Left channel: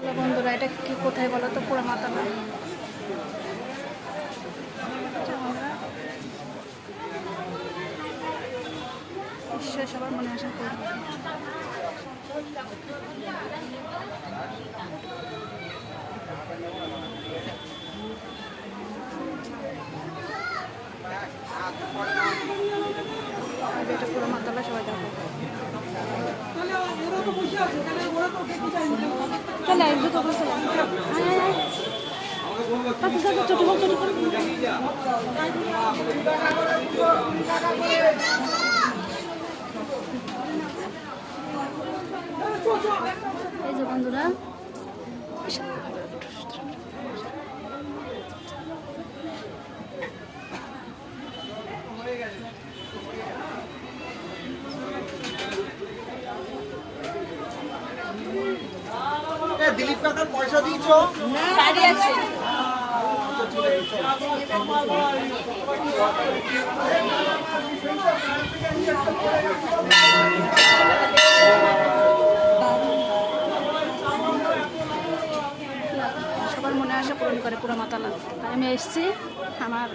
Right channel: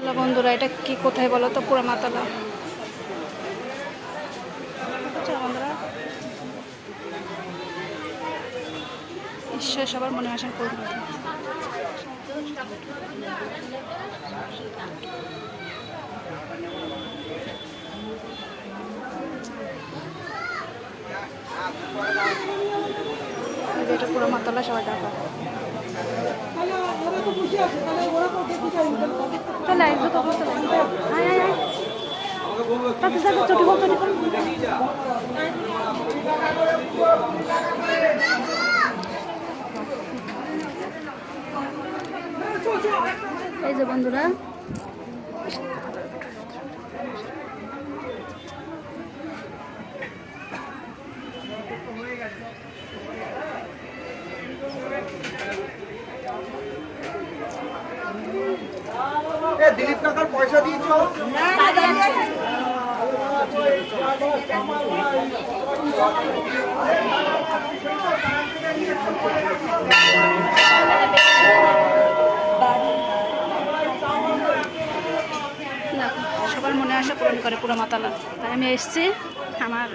Hello বন্ধুরা, এটা কি কোথায় বলো তো? পুরা মাতালা। আচ্ছা বন্ধুরা, ঈশ্বর সবার মনে আশা করবে। এটা পুরো মাতালা, সবাই দেখো। চলে আয়, দুটো করে চলে আয়, আয় আয়। তাতে যাবে, চটি বল, চটি বল। এই যে বন্ধুরা, দিলীপ কাকার পয়সা দিয়েছো? সবার মনে আশা পূরণ করে পুরো মাতালা। তাই আমি এসেছি আমার